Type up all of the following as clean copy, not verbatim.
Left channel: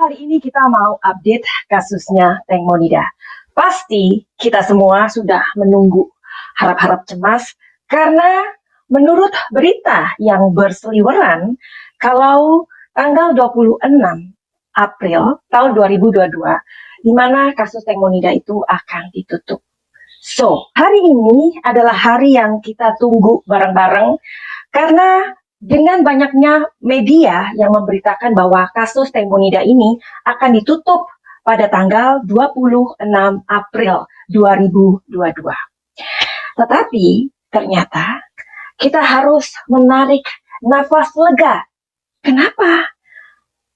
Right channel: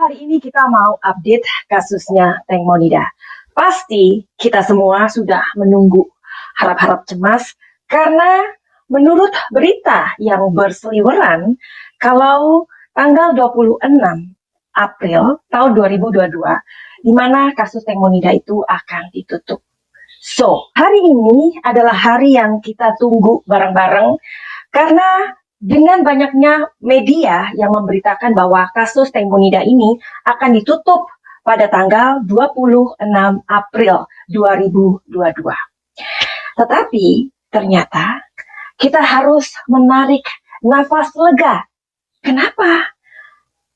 Hari ini kita mau update kasusnya Teng Monida. Pasti kita semua sudah menunggu, harap-harap cemas, karena menurut berita yang berseliweran, kalau tanggal 26 April tahun 2022, di mana kasus Teng Monida itu akan ditutup. So, hari ini adalah hari yang kita tunggu bareng-bareng, karena dengan banyaknya media yang memberitakan bahwa kasus Teng Monida ini akan ditutup pada tanggal 26 April 2022. Tetapi ternyata kita harus menarik nafas lega. Kenapa?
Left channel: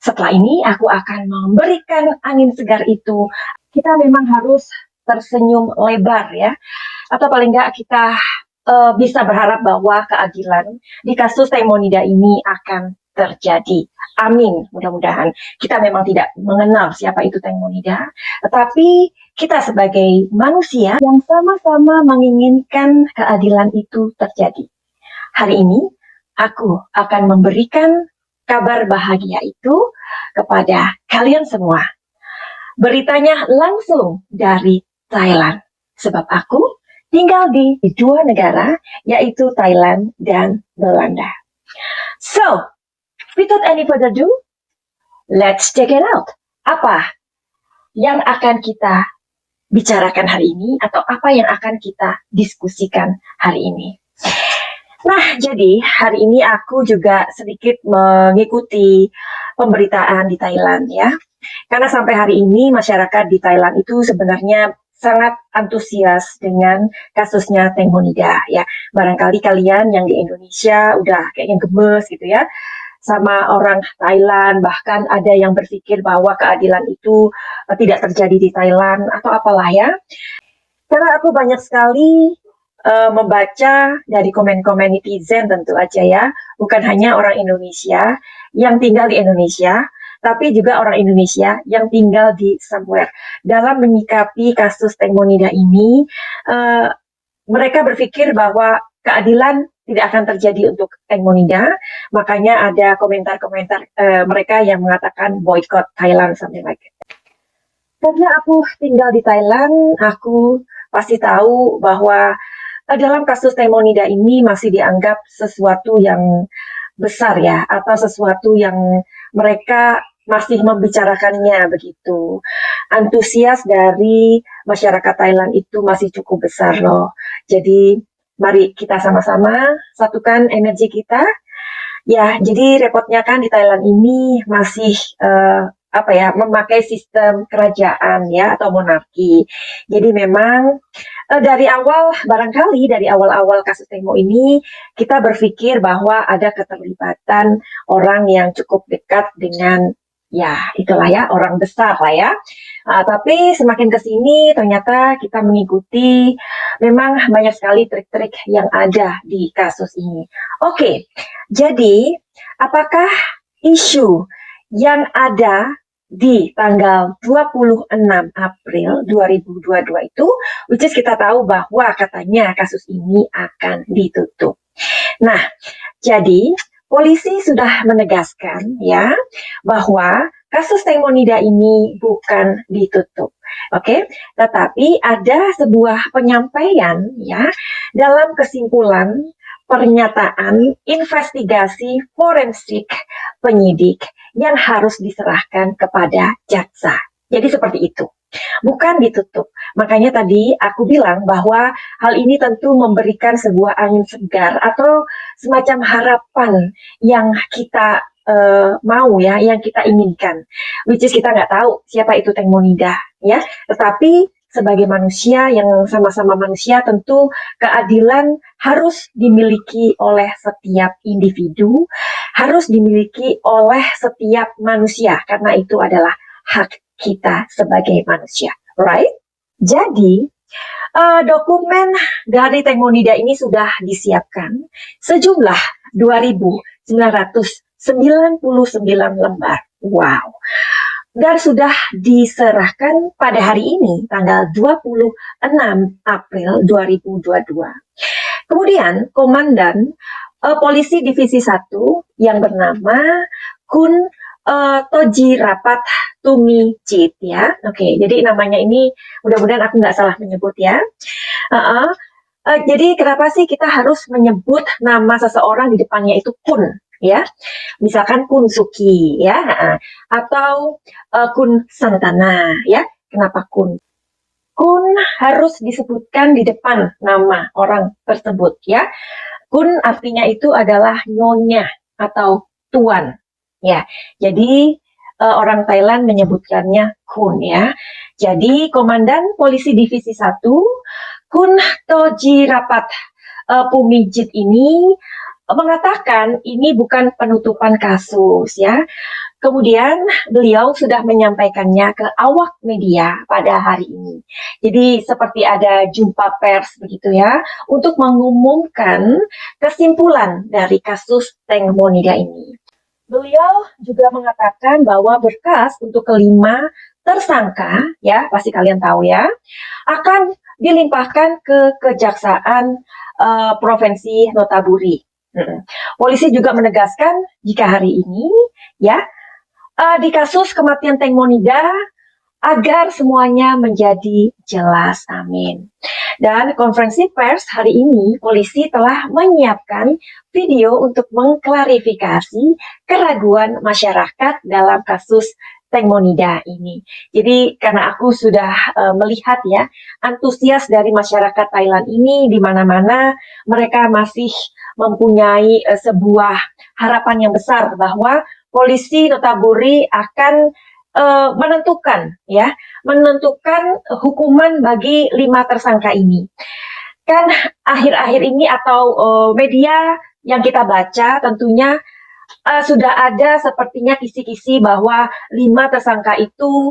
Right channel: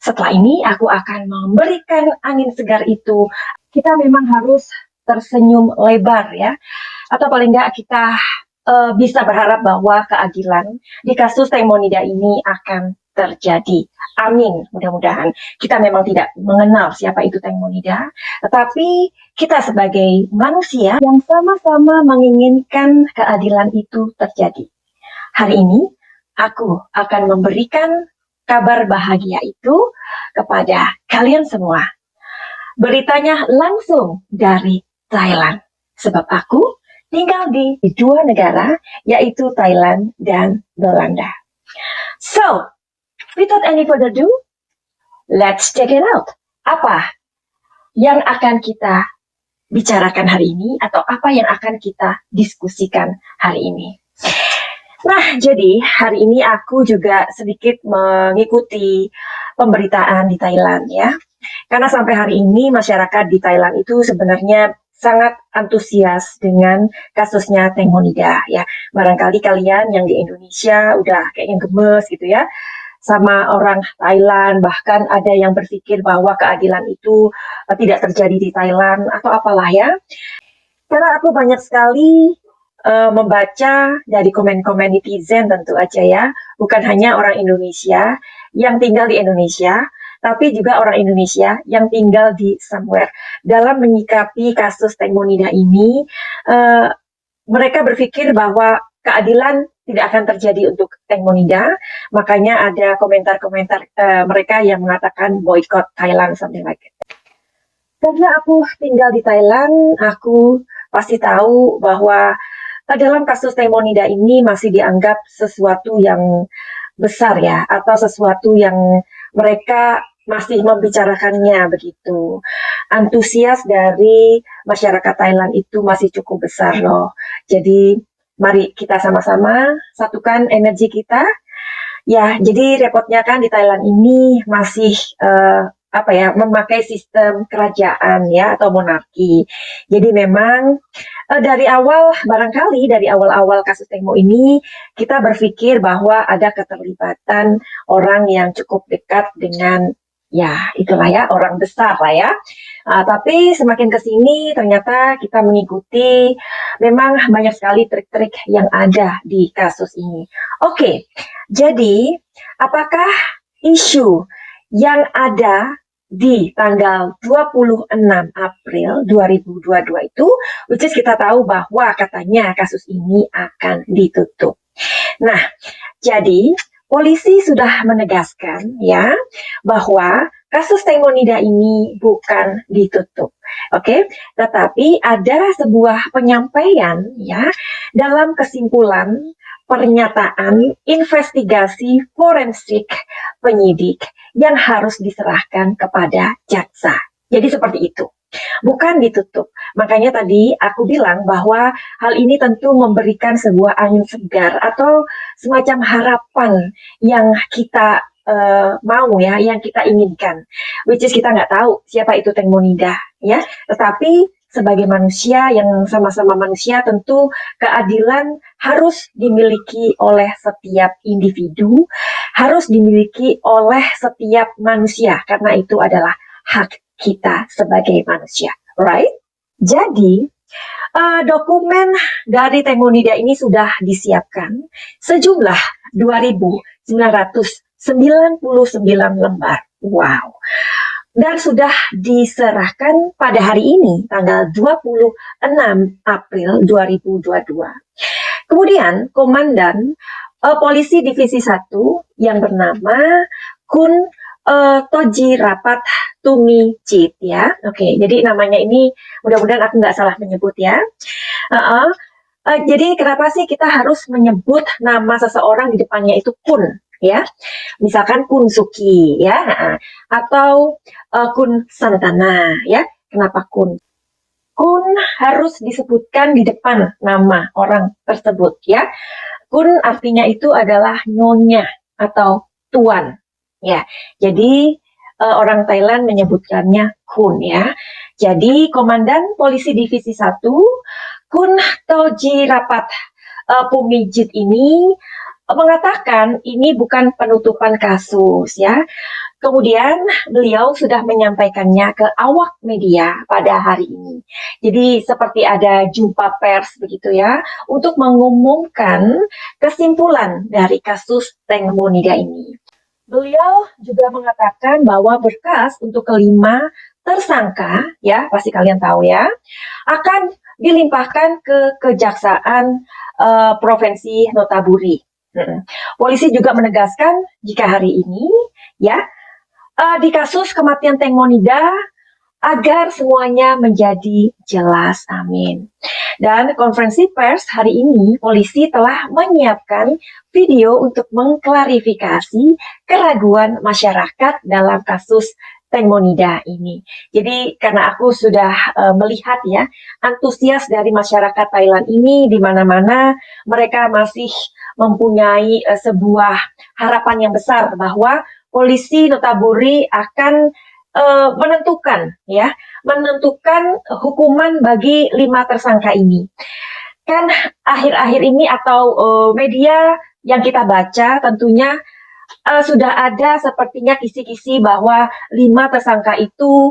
Setelah ini aku akan memberikan angin segar itu. Kita memang harus tersenyum lebar ya. Atau paling nggak kita bisa berharap bahwa keadilan di kasus Teng Monida ini akan terjadi. Amin, mudah-mudahan. Kita memang tidak mengenal siapa itu Teng Monida, tetapi kita sebagai manusia yang sama-sama menginginkan keadilan itu terjadi. Hari ini, aku akan memberikan kabar bahagia itu kepada kalian semua. Beritanya langsung dari Thailand, sebab aku tinggal di dua negara, yaitu Thailand dan Belanda. So, without any further ado, let's check it out. Apa yang akan kita bicarakan hari ini, atau apa yang akan kita diskusikan hari ini? Nah, jadi hari ini aku juga sedikit mengikuti pemberitaan di Thailand ya. Karena sampai hari ini masyarakat di Thailand itu sebenarnya sangat antusias dengan kasusnya Teng Monida ya. Barangkali kalian yang di Indonesia udah kayaknya gemes gitu ya sama orang Thailand, bahkan ada yang berpikir bahwa keadilan itu tidak terjadi di Thailand atau apalah ya. Karena aku banyak sekali membaca dari komen-komen netizen tentu aja ya, bukan hanya orang Indonesia yang tinggal di Indonesia, tapi juga orang Indonesia yang tinggal di somewhere. Dalam menyikapi kasus Teng Monida ini, mereka berpikir bahwa keadilan tidak akan terjadi untuk Teng Monida, makanya ada komentar-komentar mereka yang mengatakan boycott Thailand, something like that. Karena aku tinggal di Thailand, aku pasti tahu bahwa dalam kasus Teng Monida ini masih dianggap sesuatu yang besar ya, atau sesuatu yang mereka masih membicarakannya begitu. Antusias dari masyarakat Thailand itu masih cukup besar loh. Jadi mari kita sama-sama satukan energi kita. Ya, jadi repotnya kan di Thailand ini masih memakai sistem kerajaan ya atau monarki. Jadi memang dari awal kasus Teng Mo ini kita berpikir bahwa ada keterlibatan orang yang cukup dekat dengan ya itulah ya orang besar lah ya. Tapi semakin ke sini ternyata kita mengikuti memang banyak sekali trik-trik yang ada di kasus ini. Oke, jadi apakah isu yang ada di tanggal 26 April 2022 itu, which is kita tahu bahwa katanya kasus ini akan ditutup. Nah, jadi polisi sudah menegaskan ya bahwa kasus Teng Monida ini bukan ditutup. Oke, tetapi ada sebuah penyampaian ya dalam kesimpulan pernyataan investigasi forensik penyidik yang harus diserahkan kepada jaksa. Jadi seperti itu. Bukan ditutup. Makanya tadi aku bilang bahwa hal ini tentu memberikan sebuah angin segar atau semacam harapan yang kita mau ya, yang kita inginkan. Which is kita nggak tahu siapa itu Teng Monida ya. Tetapi sebagai manusia yang sama-sama manusia, tentu keadilan harus dimiliki oleh setiap individu, harus dimiliki oleh setiap manusia, karena itu adalah hak kita sebagai manusia, right? Jadi, dokumen dari Teng Monida ini sudah disiapkan sejumlah 2.999 lembar. Wow. Dan sudah diserahkan pada hari ini, tanggal 26 April 2022. Kemudian, Komandan Polisi Divisi 1 yang bernama Kun Toji Rapat Tumijit ya. Oke, jadi namanya ini mudah-mudahan aku nggak salah menyebut ya. Uh-uh. Jadi kenapa sih kita harus menyebut nama seseorang di depannya itu Kun ya? Misalkan Kun Suki ya, atau Kun Santana ya. Kenapa Kun? Kun harus disebutkan di depan nama orang tersebut ya. Kun artinya itu adalah nyonya atau tuan ya. Jadi orang Thailand menyebutkannya Kun ya. Jadi Komandan Polisi Divisi 1 Kun Toji Rapat Pumijit ini mengatakan ini bukan penutupan kasus ya. Kemudian beliau sudah menyampaikannya ke awak media pada hari ini. Jadi seperti ada jumpa pers begitu ya untuk mengumumkan kesimpulan dari kasus Teng Monida ini. Beliau juga mengatakan bahwa berkas untuk kelima tersangka, ya pasti kalian tahu ya, akan dilimpahkan ke Kejaksaan Provinsi Notaburi. Polisi juga menegaskan jika hari ini, ya, di kasus kematian Teng Monida agar semuanya menjadi jelas. Amin. Dan konferensi pers hari ini, polisi telah menyiapkan video untuk mengklarifikasi keraguan masyarakat dalam kasus Teng Monida ini. Jadi karena aku sudah melihat ya, antusias dari masyarakat Thailand ini di mana-mana mereka masih mempunyai sebuah harapan yang besar bahwa polisi Notaburi akan menentukan hukuman bagi 5 tersangka ini. Kan akhir-akhir ini atau media yang kita baca tentunya sudah ada sepertinya kisi-kisi bahwa 5 tersangka itu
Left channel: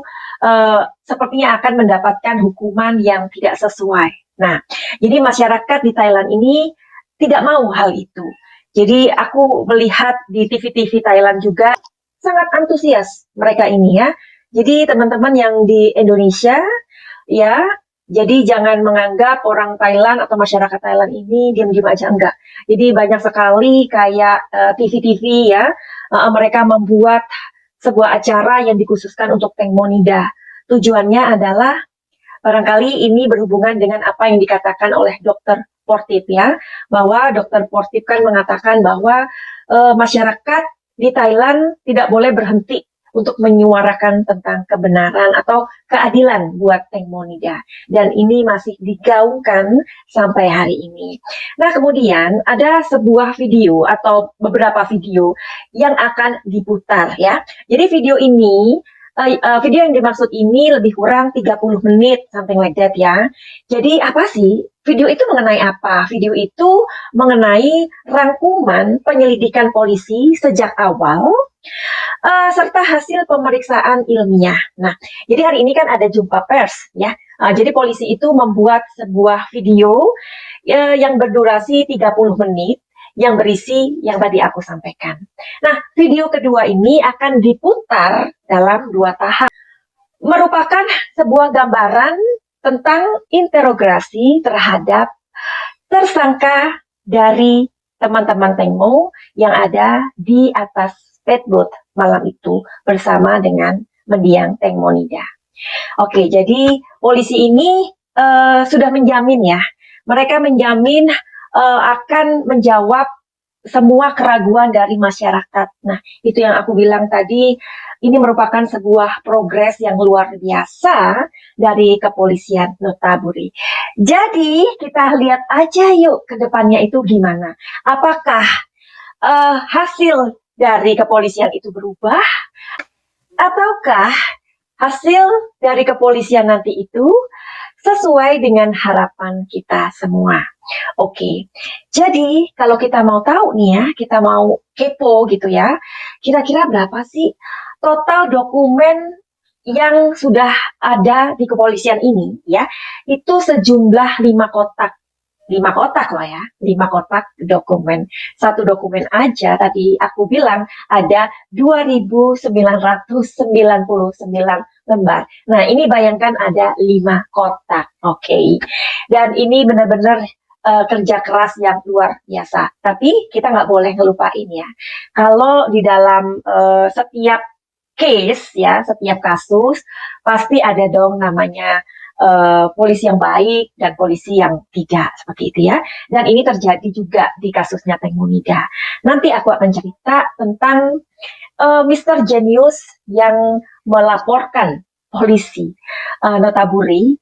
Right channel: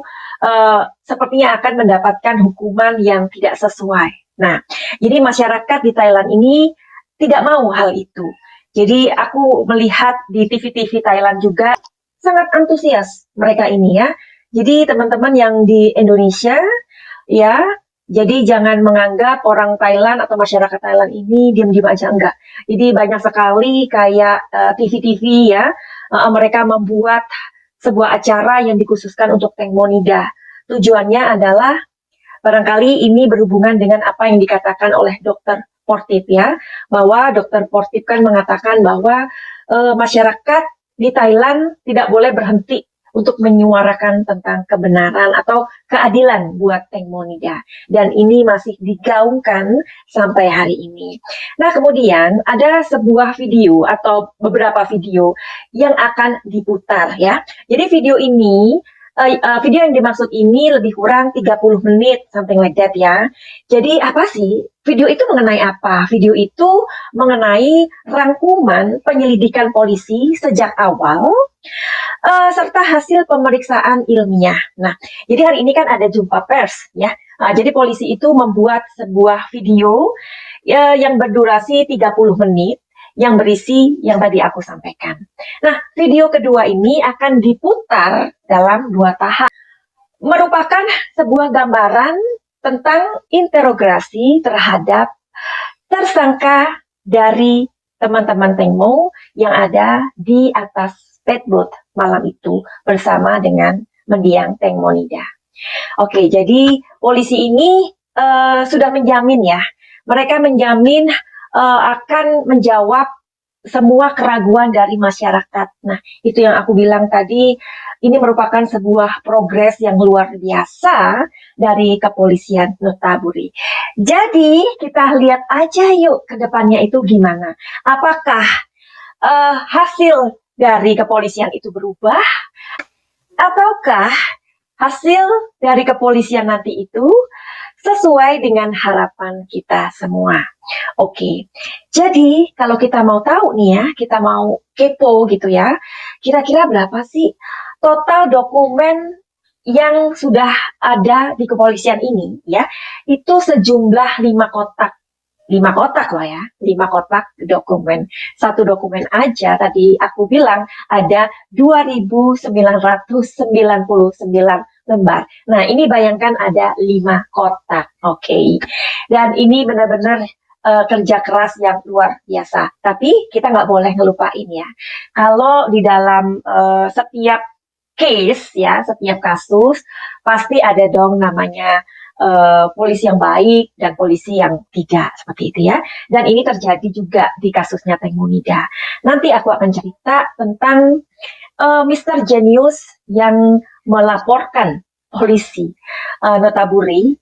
sepertinya akan mendapatkan hukuman yang tidak sesuai. Nah, jadi masyarakat di Thailand ini tidak mau hal itu. Jadi aku melihat di TV-TV Thailand juga sangat antusias mereka ini ya. Jadi teman-teman yang di Indonesia ya, jadi jangan menganggap orang Thailand atau masyarakat Thailand ini diam-diam aja, enggak. Jadi banyak sekali kayak TV-TV ya, mereka membuat sebuah acara yang dikhususkan untuk Teng Monida. Tujuannya adalah barangkali ini berhubungan dengan apa yang dikatakan oleh Dr. Portip ya, bahwa Dr. Portip kan mengatakan bahwa masyarakat di Thailand tidak boleh berhenti untuk menyuarakan tentang kebenaran atau keadilan buat Teng Monida. Dan ini masih digaungkan sampai hari ini. Nah, kemudian ada sebuah video atau beberapa video yang akan diputar ya. Jadi video ini video yang dimaksud ini lebih kurang 30 menit, something like that ya. Jadi apa sih? Video itu mengenai apa? Video itu mengenai rangkuman penyelidikan polisi sejak awal, serta hasil pemeriksaan ilmiah. Nah, jadi hari ini kan ada jumpa pers ya. Jadi polisi itu membuat sebuah video yang berdurasi 30 menit yang berisi yang tadi aku sampaikan. Nah, video kedua ini akan diputar dalam 2 tahap. Merupakan sebuah gambaran tentang interogasi terhadap tersangka dari teman-teman Tengmo yang ada di atas speedboat malam itu bersama dengan mendiang Teng Monida. Oke, jadi polisi ini sudah menjamin ya, mereka menjamin akan menjawab semua keraguan dari masyarakat. Nah, itu yang aku bilang tadi, ini merupakan sebuah progres yang luar biasa dari kepolisian Notaburi. Jadi, kita lihat aja yuk ke depannya itu gimana. Apakah hasil dari kepolisian itu berubah? Ataukah hasil dari kepolisian nanti itu sesuai dengan harapan kita semua? Oke, jadi kalau kita mau tahu nih ya, kita mau kepo gitu ya, kira-kira berapa sih total dokumen yang sudah ada di kepolisian ini ya, itu sejumlah 5 kotak. 5 kotak loh ya, 5 kotak dokumen. Satu dokumen aja tadi aku bilang ada 2.999 lembar. Nah, ini bayangkan ada 5 kotak. Oke. Dan ini benar-benar kerja keras yang luar biasa. Tapi kita nggak boleh ngelupain ya. Kalau di dalam setiap case ya, setiap kasus pasti ada dong namanya polisi yang baik dan polisi yang tidak seperti itu ya. Dan ini terjadi juga di kasusnya Teng Monida. Nanti aku akan cerita tentang Mr. Genius yang melaporkan polisi Notaburi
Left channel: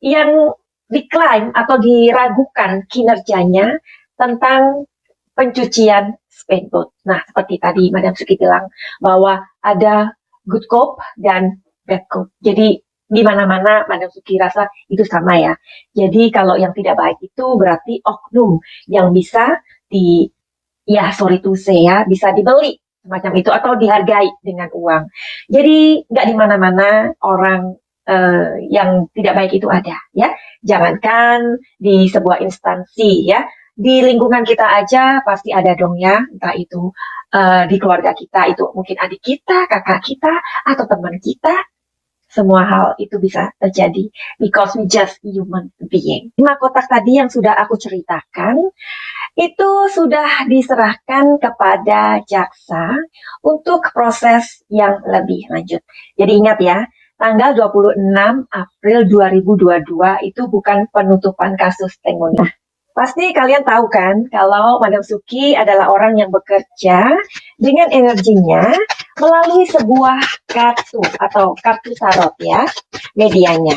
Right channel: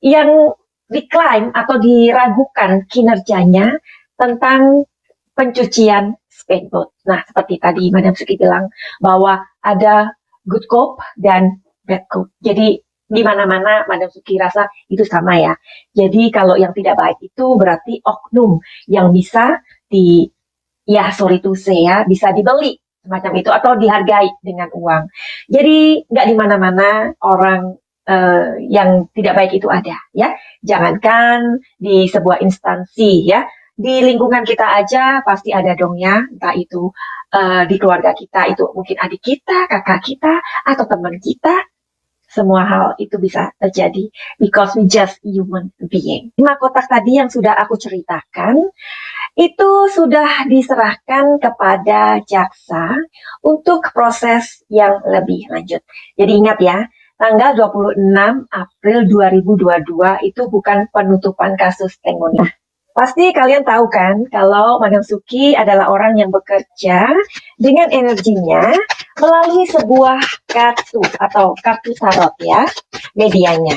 yang diklaim atau diragukan kinerjanya tentang pencucian speedboat. Nah, seperti tadi Madam Suki bilang bahwa ada good cop dan bad cop. Jadi di mana-mana Madam Suki rasa itu sama ya. Jadi kalau yang tidak baik itu berarti oknum yang bisa ya sorry to say ya, bisa dibeli semacam itu atau dihargai dengan uang. Jadi nggak di mana-mana orang yang tidak baik itu ada ya. Jangankan di sebuah instansi ya, di lingkungan kita aja pasti ada dong ya, entah itu di keluarga kita, itu mungkin adik kita, kakak kita, atau teman kita. Semua hal itu bisa terjadi because we just human being. 5 kotak tadi yang sudah aku ceritakan itu sudah diserahkan kepada jaksa untuk proses yang lebih lanjut. Jadi ingat ya, tanggal 26 April 2022 itu bukan penutupan kasus Teng Monida. Pasti kalian tahu kan kalau Madam Suki adalah orang yang bekerja dengan energinya melalui sebuah kartu atau kartu tarot ya, medianya.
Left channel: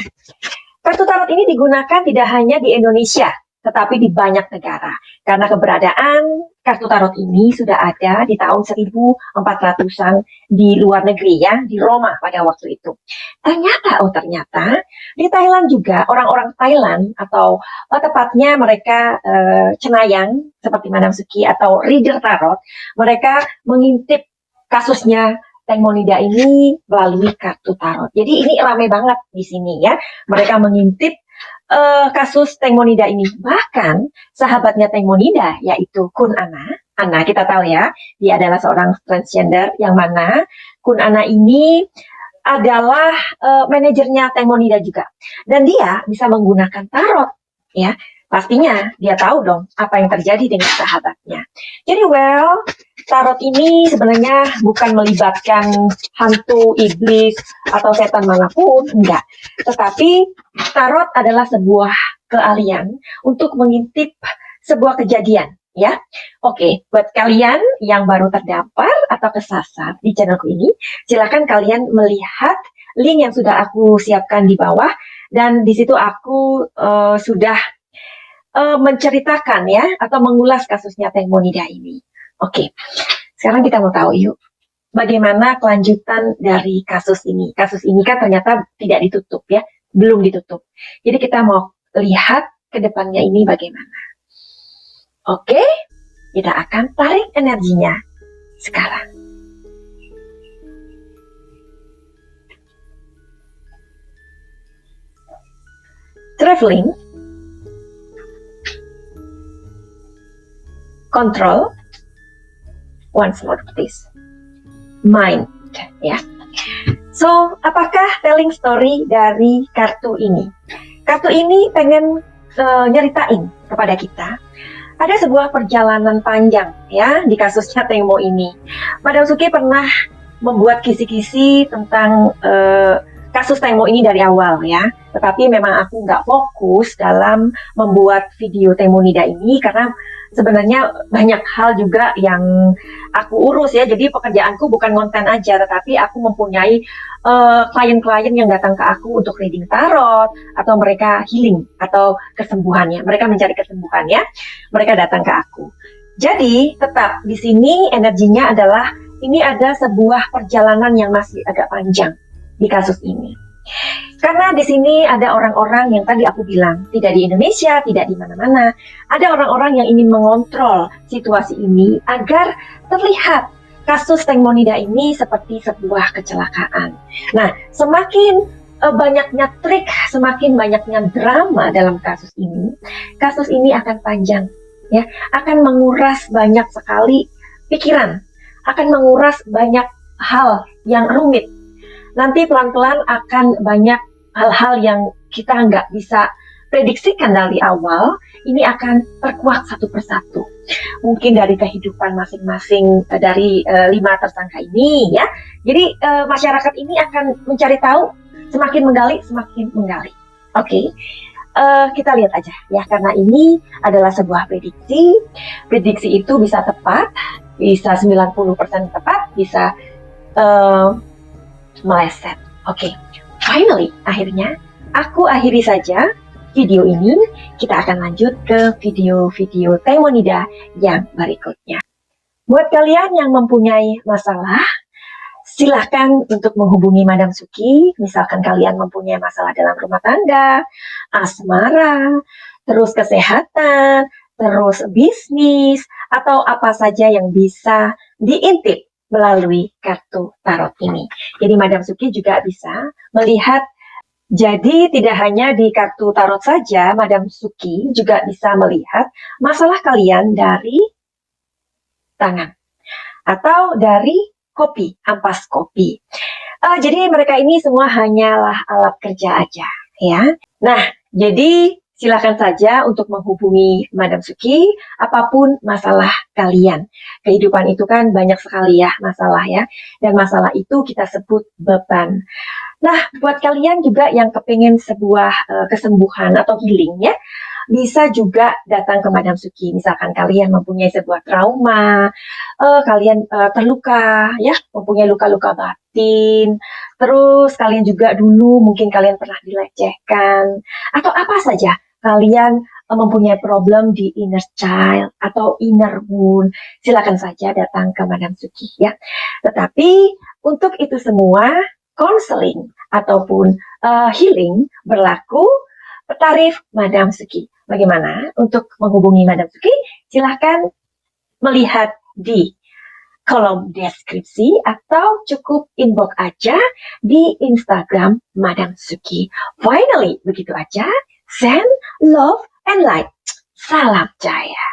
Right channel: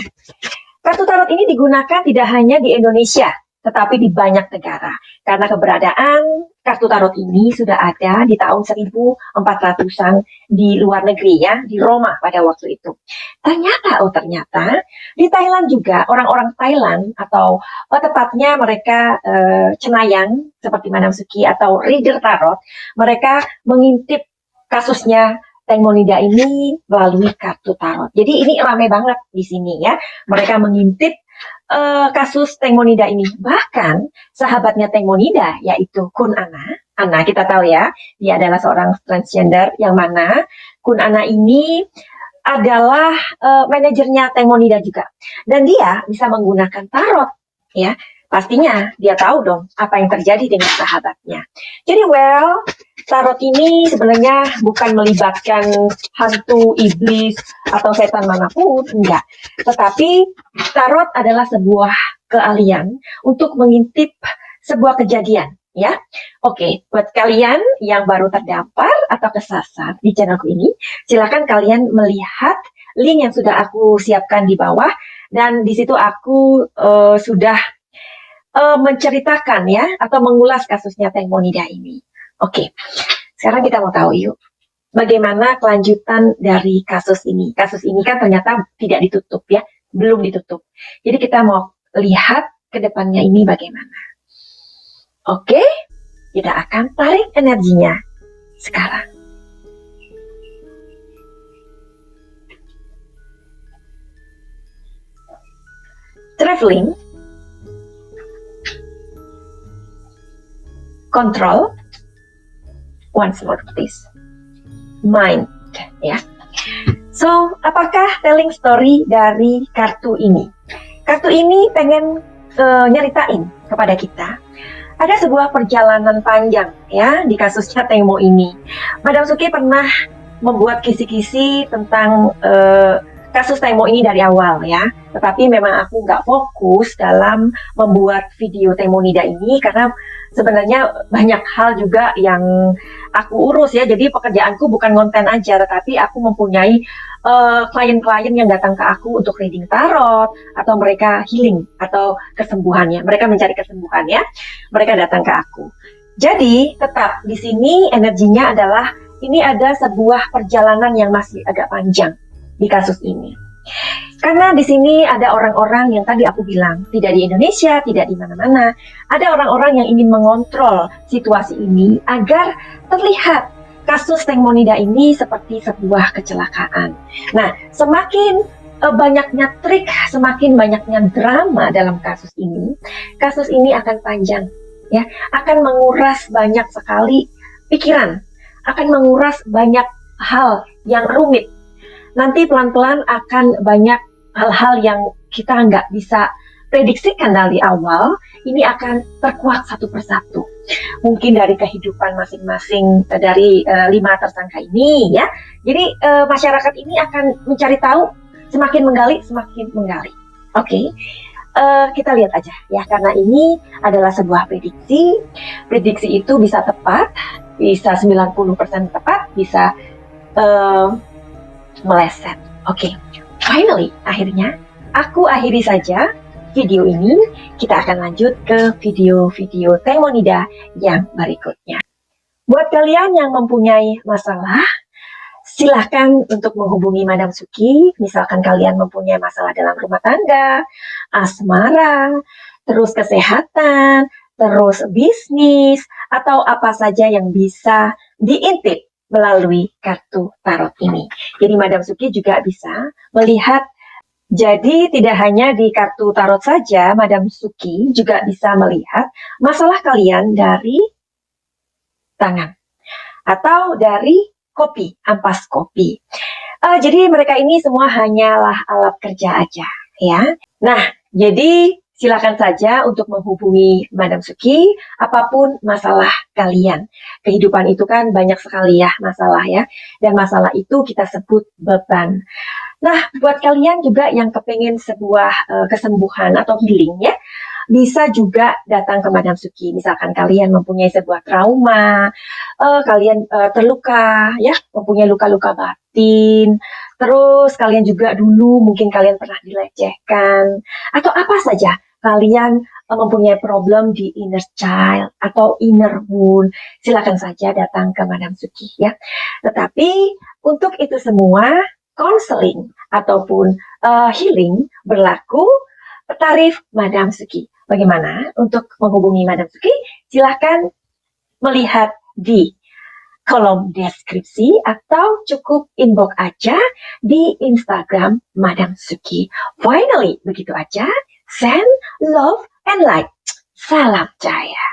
Kartu tarot ini digunakan tidak hanya di Indonesia, tetapi di banyak negara. Karena keberadaan kartu tarot ini sudah ada di tahun 1400-an di luar negeri ya, di Roma pada waktu itu. Ternyata di Thailand juga orang-orang Thailand atau tepatnya mereka cenayang seperti Madam Suki atau reader tarot, mereka mengintip kasusnya Teng Monida ini melalui kartu tarot. Jadi ini ramai banget di sini ya. Mereka mengintip kasus Teng Monida ini. Bahkan sahabatnya Teng Monida yaitu Kun Ana. Ana kita tahu ya, dia adalah seorang transgender yang mana Kun Ana ini adalah manajernya Teng Monida juga. Dan dia bisa menggunakan tarot ya. Pastinya dia tahu dong apa yang terjadi dengan sahabatnya. Jadi tarot ini sebenarnya bukan melibatkan hantu, iblis, atau setan manapun, enggak. Tetapi tarot adalah sebuah keahlian untuk mengintip sebuah kejadian, ya. Oke, buat kalian yang baru terdampar atau kesasar di channelku ini, silakan kalian melihat link yang sudah aku siapkan di bawah, dan di situ aku sudah menceritakan ya, atau mengulas kasusnya Teng Monida ini. Oke, sekarang kita mau tahu yuk, bagaimana kelanjutan dari kasus ini. Kasus ini kan ternyata tidak ditutup ya, belum ditutup. Jadi kita mau lihat ke depannya ini bagaimana. Oke, kita akan tarik energinya sekarang. Traveling, control, once more please, mind ya. So, apakah telling story dari kartu ini? Kartu ini pengen nyeritain kepada kita ada sebuah perjalanan panjang ya di kasusnya Teng Mo ini. Madam Suki pernah membuat kisi-kisi tentang kasus Teng Mo ini dari awal ya, tetapi memang aku nggak fokus dalam membuat video Teng Monida ini karena sebenarnya banyak hal juga yang aku urus ya, jadi pekerjaanku bukan konten aja, tetapi aku mempunyai klien-klien yang datang ke aku untuk reading tarot atau mereka healing atau kesembuhannya, mereka mencari kesembuhannya, mereka datang ke aku. Jadi tetap di sini energinya adalah ini ada sebuah perjalanan yang masih agak panjang di kasus ini. Karena di sini ada orang-orang yang tadi aku bilang, tidak di Indonesia, tidak di mana-mana. Ada orang-orang yang ingin mengontrol situasi ini agar terlihat kasus Teng Monida ini seperti sebuah kecelakaan. Nah, semakin banyaknya trik, semakin banyaknya drama dalam kasus ini akan panjang, ya, akan menguras banyak sekali pikiran, akan menguras banyak hal yang rumit. Nanti pelan-pelan akan banyak hal-hal yang kita nggak bisa prediksikan dari awal, ini akan terkuak satu persatu. mungkin dari kehidupan masing-masing dari 5 tersangka ini ya. Jadi masyarakat ini akan mencari tahu, semakin menggali, semakin menggali. Oke. Kita lihat aja ya, karena ini adalah sebuah prediksi. Prediksi itu bisa tepat, bisa 90% tepat, bisa meleset. Oke. Finally, akhirnya aku akhiri saja video ini. Kita akan lanjut ke video-video Taimonida yang berikutnya. Buat kalian yang mempunyai masalah, silahkan untuk menghubungi Madam Suki. Misalkan kalian mempunyai masalah dalam rumah tangga, asmara, terus kesehatan, terus bisnis, atau apa saja yang bisa diintip melalui kartu tarot ini. Jadi Madam Suki juga bisa melihat. Jadi tidak hanya di kartu tarot saja, Madam Suki juga bisa melihat masalah kalian dari tangan atau dari kopi, ampas kopi. Jadi mereka ini semua hanyalah alat kerja aja ya. Nah, jadi silakan saja untuk menghubungi Madam Suki apapun masalah kalian. Kehidupan itu kan banyak sekali ya masalah ya. Dan masalah itu kita sebut beban. Nah, buat kalian juga yang kepengen sebuah kesembuhan atau healing ya, bisa juga datang ke Madam Suki. Misalkan kalian mempunyai sebuah trauma, kalian terluka ya, mempunyai luka-luka batin, terus kalian juga dulu mungkin kalian pernah dilecehkan, atau apa saja kalian mempunyai problem di inner child atau inner wound, silakan saja datang ke Madam Suki ya. Tetapi untuk itu semua, konseling ataupun healing berlaku tarif Madam Suki. Bagaimana untuk menghubungi Madam Suki? Silahkan melihat di kolom deskripsi atau cukup inbox aja di Instagram Madam Suki. Finally, begitu aja. Send love and light. Salam Jaya.